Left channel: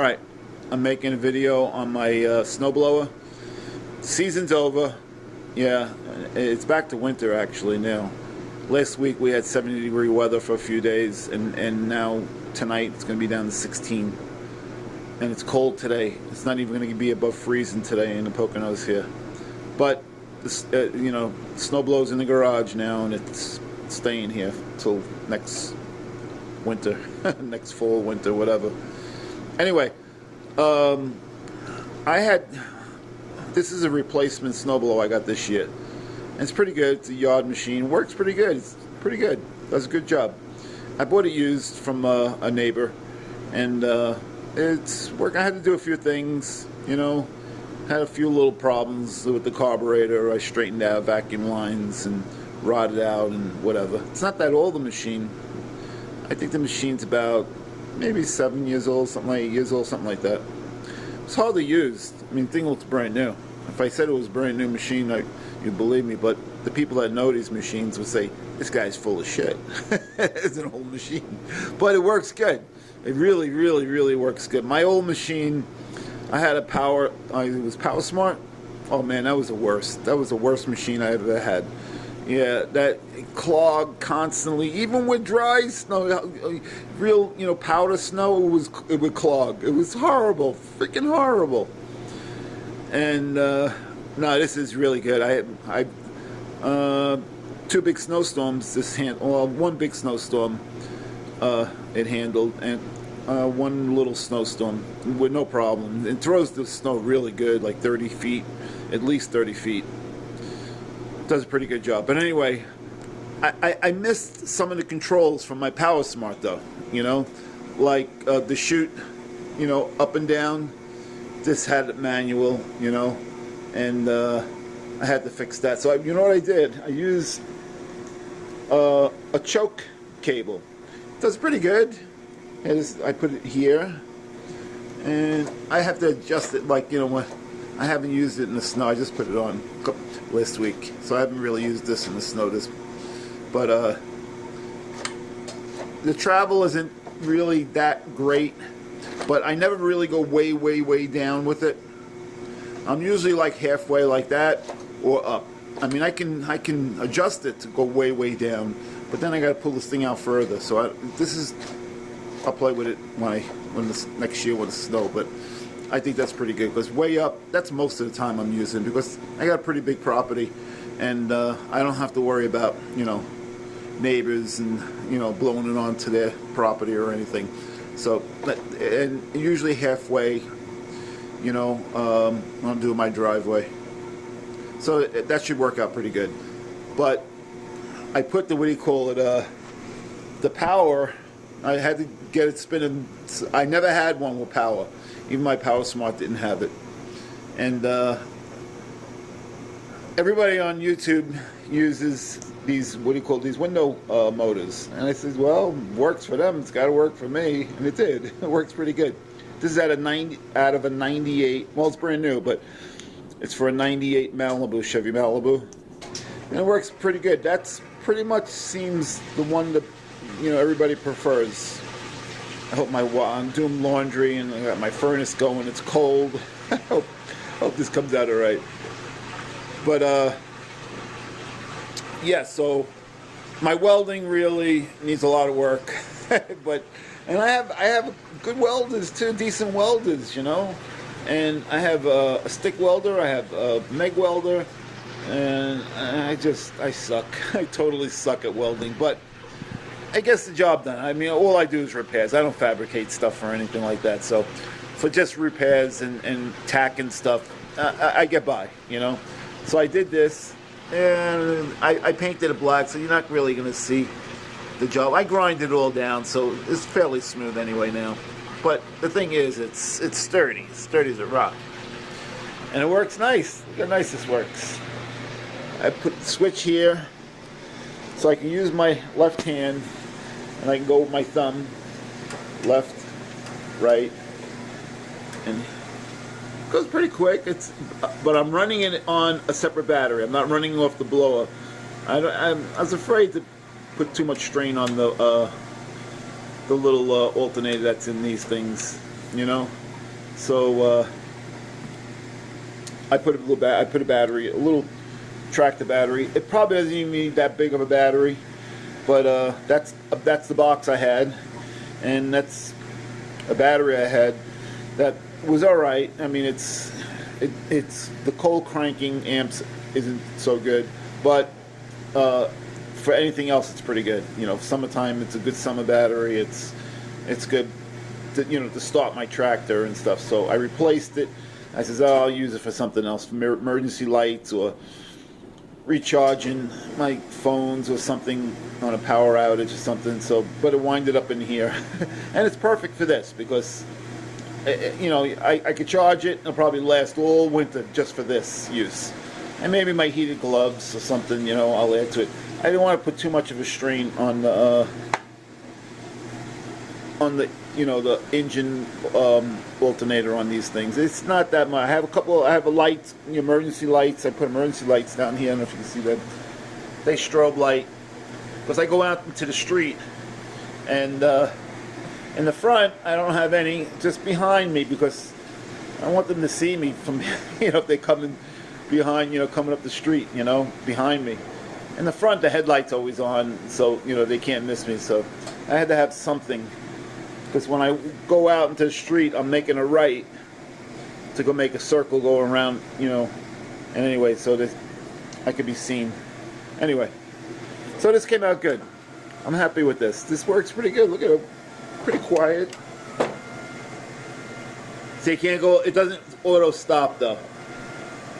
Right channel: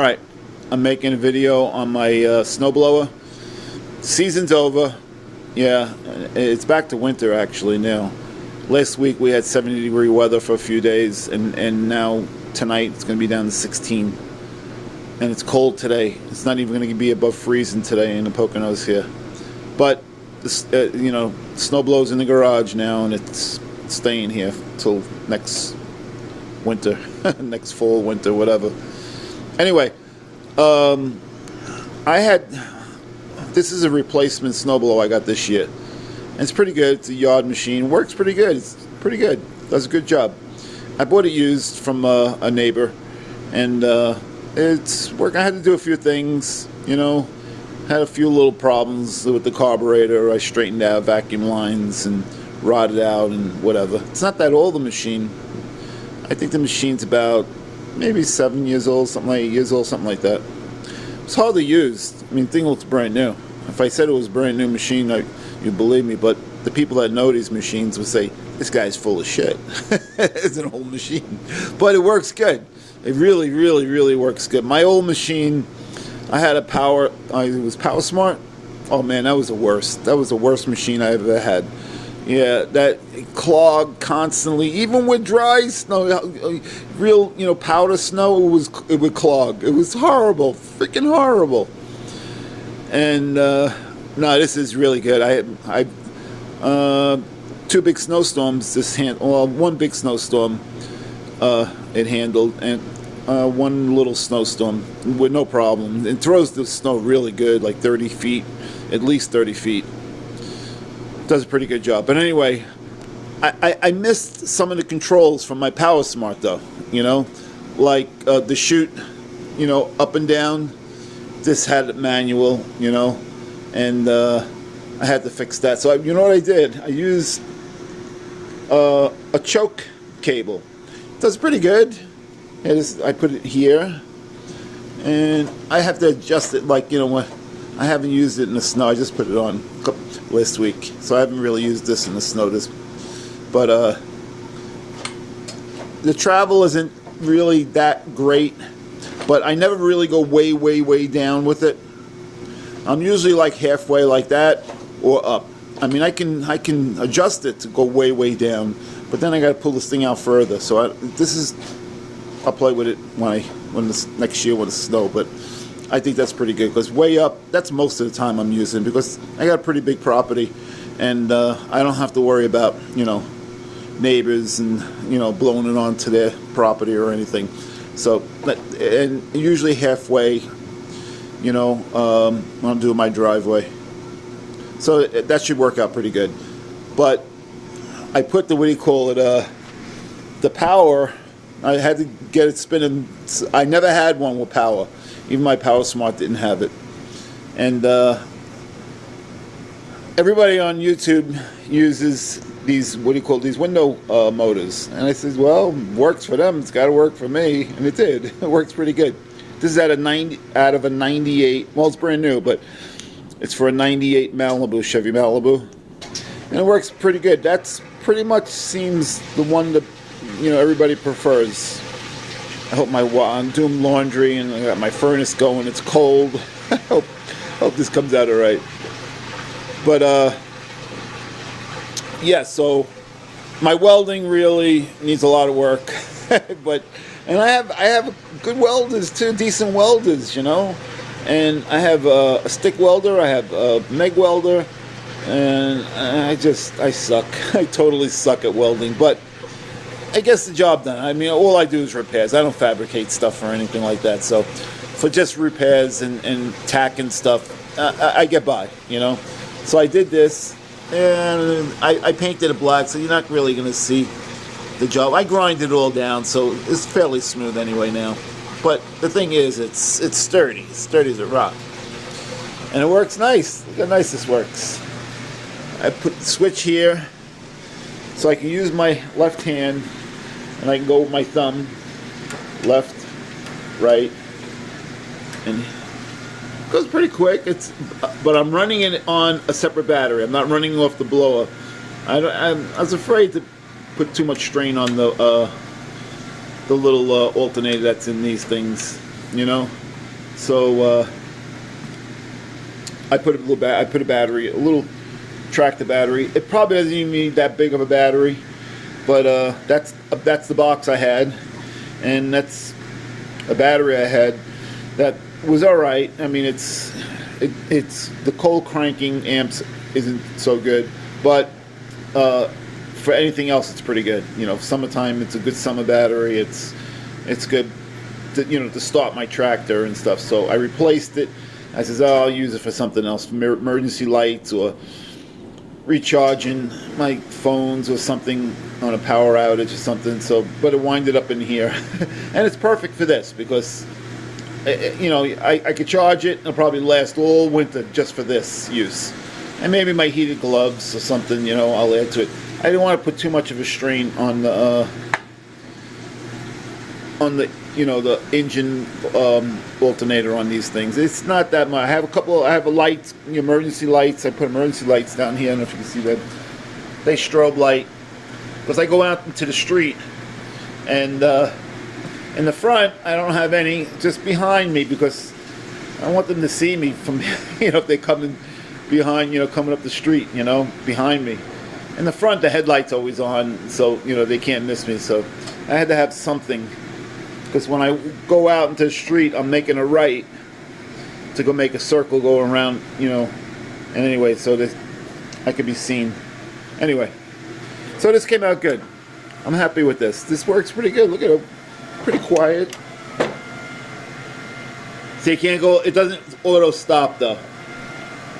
Alright, I'm making a video on my snowblower. Season's over. Yeah, it's back to winter actually now. Last week we had 70-degree weather for a few days, and now tonight it's going to be down to 16. And it's cold today. It's not even going to be above freezing today in the Poconos here. But, snowblow's in the garage now, and it's staying here till next winter, next fall, winter, whatever. Anyway, this is a replacement snowblower I got this year. And it's pretty good. It's a yard machine. Works pretty good. It's pretty good. Does a good job. I bought it used from a neighbor, and it's working. I had to do a few things, had a few little problems with the carburetor. I straightened out vacuum lines and rotted out and whatever. It's not that old, the machine. I think the machine's about maybe 7 years old, something like 8 years old, something like that. It's hardly used. I mean, the thing looks brand new. If I said it was a brand new machine, you'd believe me, but the people that know these machines would say, this guy's full of shit. It's an old machine. But it works good. It really, really, really works good. My old machine, I had it was Power Smart. Oh man, that was the worst. That was the worst machine I ever had. Yeah, that clogged constantly, even with dry snow, real, powder snow, it would clog. It was horrible, freaking horrible. And no, this is really good. I two big snowstorms. One big snowstorm it handled, and one little snowstorm with no problem. It throws the snow really good, like 30 feet, at least 30 feet. Does a pretty good job. But anyway, I missed some of the controls from my Power Smart though, like the chute, up and down. This had it manual, and I had to fix that. So you know what I did? I used a choke cable. It does pretty good. I put it here, and I have to adjust it like, when I haven't used it in the snow. I just put it on last week, so I haven't really used this in the snow. But the travel isn't really that great, but I never really go way, way, way down with it. I'm usually like halfway like that or up. I mean, I can adjust it to go way, way down, but then I got to pull this thing out further. So I'll play with it when this next year with the snow, but I think that's pretty good, because way up, that's most of the time I'm using, because I got a pretty big property, and I don't have to worry about, neighbors and, blowing it onto their property or anything. So, and usually halfway, when I'm doing my driveway. So that should work out pretty good. But I put the power, I had to get it spinning. I never had one with power. Even my Power Smart didn't have it. And everybody on YouTube uses these, these window motors. And I said, well, works for them, it's got to work for me. And it did. It works pretty good. This is out of a 98, well, it's brand new, but it's for a 98 Malibu, Chevy Malibu. And it works pretty good. That's pretty much seems the one that, everybody prefers. I hope I'm doing laundry, and I got my furnace going. It's cold. I hope this comes out all right. But yeah. So my welding really needs a lot of work. And I have good welders too, decent welders, And I have a stick welder. I have a MIG welder, and I suck. I totally suck at welding, but I guess the job done. I mean, all I do is repairs. I don't fabricate stuff or anything like that. So for just repairs and tack and stuff, I get by, So I did this, and I painted it black, so you're not really going to see the job. I grinded it all down, so it's fairly smooth anyway now. But the thing is, it's sturdy. It's sturdy as a rock. And it works nice. Look how nice this works. I put the switch here, so I can use my left hand, and I can go with my thumb, left, right, and it goes pretty quick. But I'm running it on a separate battery. I'm not running off the blower. I was afraid to put too much strain on the little alternator that's in these things, So I put a battery, a little tractor battery. It probably doesn't even need that big of a battery, but that's the box I had, and that's a battery I had that was all right. I mean, it's the cold cranking amps isn't so good, but for anything else, it's pretty good. You know, summertime, it's a good summer battery. It's good to, to start my tractor and stuff. So I replaced it. I says, oh, I'll use it for something else, for emergency lights or recharging my phones or something on a power outage or something. So, but it winded up in here, and it's perfect for this because, I could charge it. It'll probably last all winter just for this use, and maybe my heated gloves or something. I'll add to it. I didn't want to put too much of a strain on the the engine alternator on these things. It's not that much. I have a light, emergency lights. I put emergency lights down here. I don't know if you can see that. They strobe light because I go out into the street, and in the front I don't have any. Just behind me because I want them to see me from if they come in behind, coming up the street, behind me. In the front, the headlight's always on, so they can't miss me. So I had to have something. Because when I go out into the street, I'm making a right to go make a circle, go around, and anyway, so this I could be seen. Anyway, so this came out good. I'm happy with this. This works pretty good. Look at it, pretty quiet. See, you can't go. It doesn't auto stop though.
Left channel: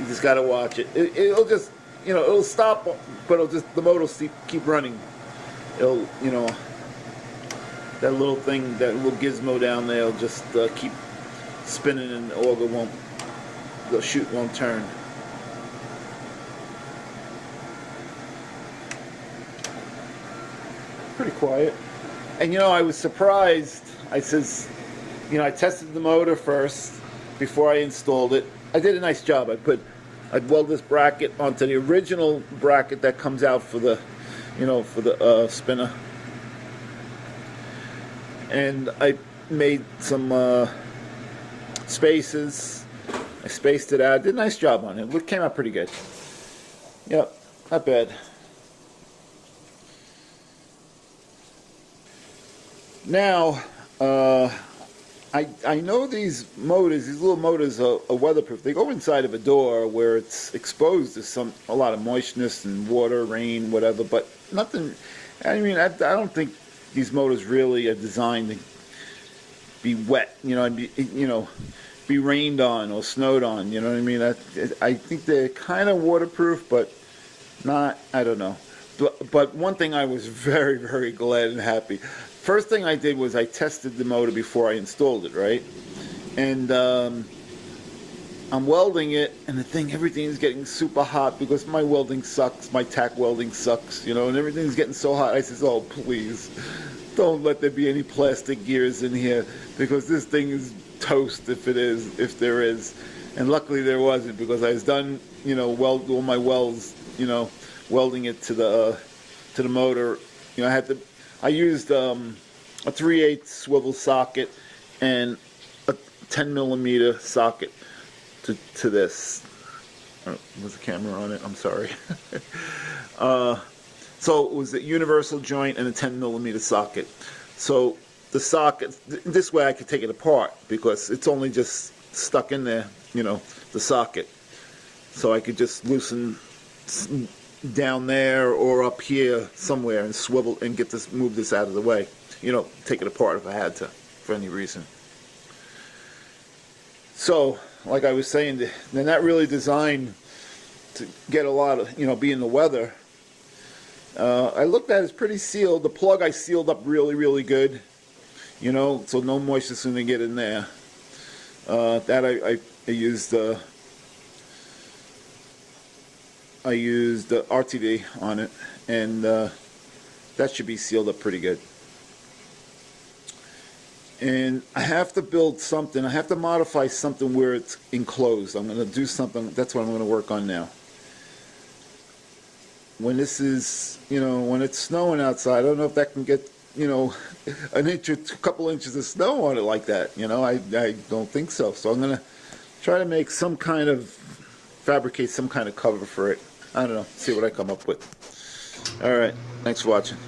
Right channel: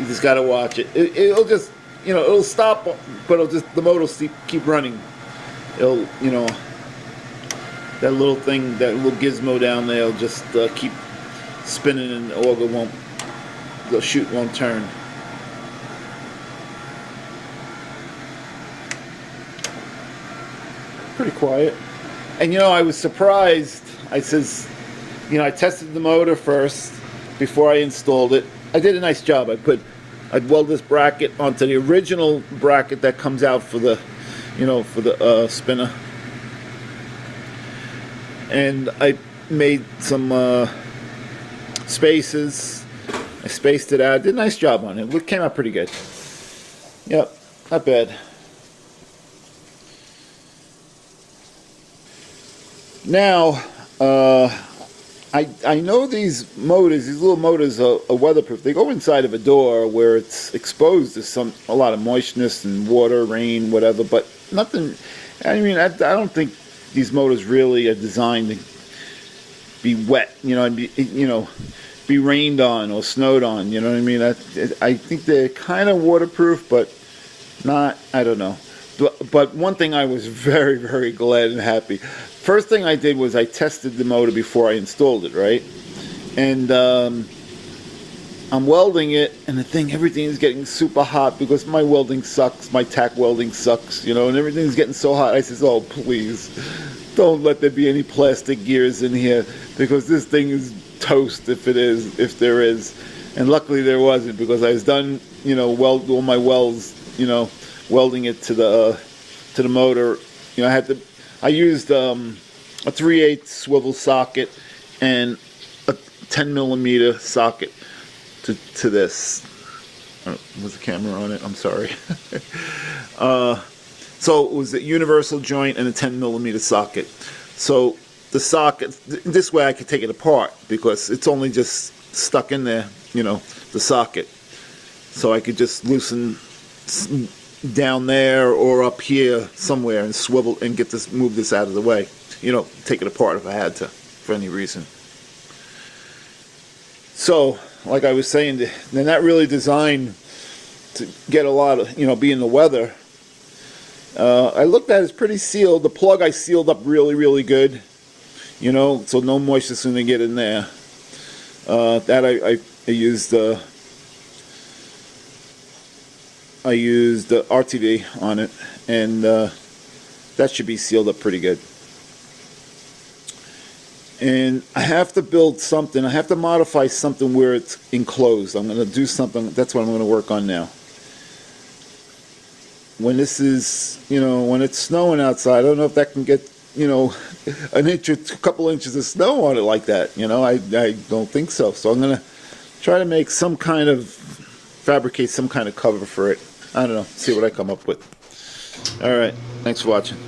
You just gotta watch it. It'll just, it'll stop, but the motor will keep running. It'll, that little thing, that little gizmo down there will just keep spinning, and the auger the chute won't turn. Pretty quiet. And I was surprised. I says, I tested the motor first before I installed it. I did a nice job. I'd weld this bracket onto the original bracket that comes out for the, for the spinner. And I made some spaces. I spaced it out. Did a nice job on it. It came out pretty good. Yep, not bad. Now, I know these little motors are weatherproof. They go inside of a door where it's exposed to a lot of moistness and water, rain, whatever, but nothing. I mean, I don't think these motors really are designed to be wet, and be rained on or snowed on, you know what I mean? I think they're kind of waterproof, but not, I don't know. But one thing I was very, very glad and happy. First thing I did was I tested the motor before I installed it, right? And I'm welding it, and everything is getting super hot because my welding sucks, my tack welding sucks, and everything's getting so hot. I says, oh, please, don't let there be any plastic gears in here because this thing is toast if there is. And luckily there wasn't because I was done, weld all my welds, welding it to the motor. I used a 3/8 swivel socket and a 10 millimeter socket to this. Was the camera on it? I'm sorry. So it was a universal joint and a 10 millimeter socket. So the socket, this way I could take it apart because it's only just stuck in there, the socket. So I could just loosen down there or up here somewhere and swivel and move this out of the way. Take it apart if I had to, for any reason. So, like I was saying, they're not really designed to get a lot of, be in the weather. I looked at it, it's pretty sealed. The plug I sealed up really, really good, so no moisture's going to get in there. That I used RTV on it, and that should be sealed up pretty good. And I have to build something. I have to modify something where it's enclosed. I'm going to do something. That's what I'm going to work on now. When this is, when it's snowing outside, I don't know if that can get you know, an inch or a couple inches of snow on it like that. You know, I don't think so. So I'm gonna try to make some kind of, fabricate some kind of cover for it. I don't know. See what I come up with. All right. Thanks for watching.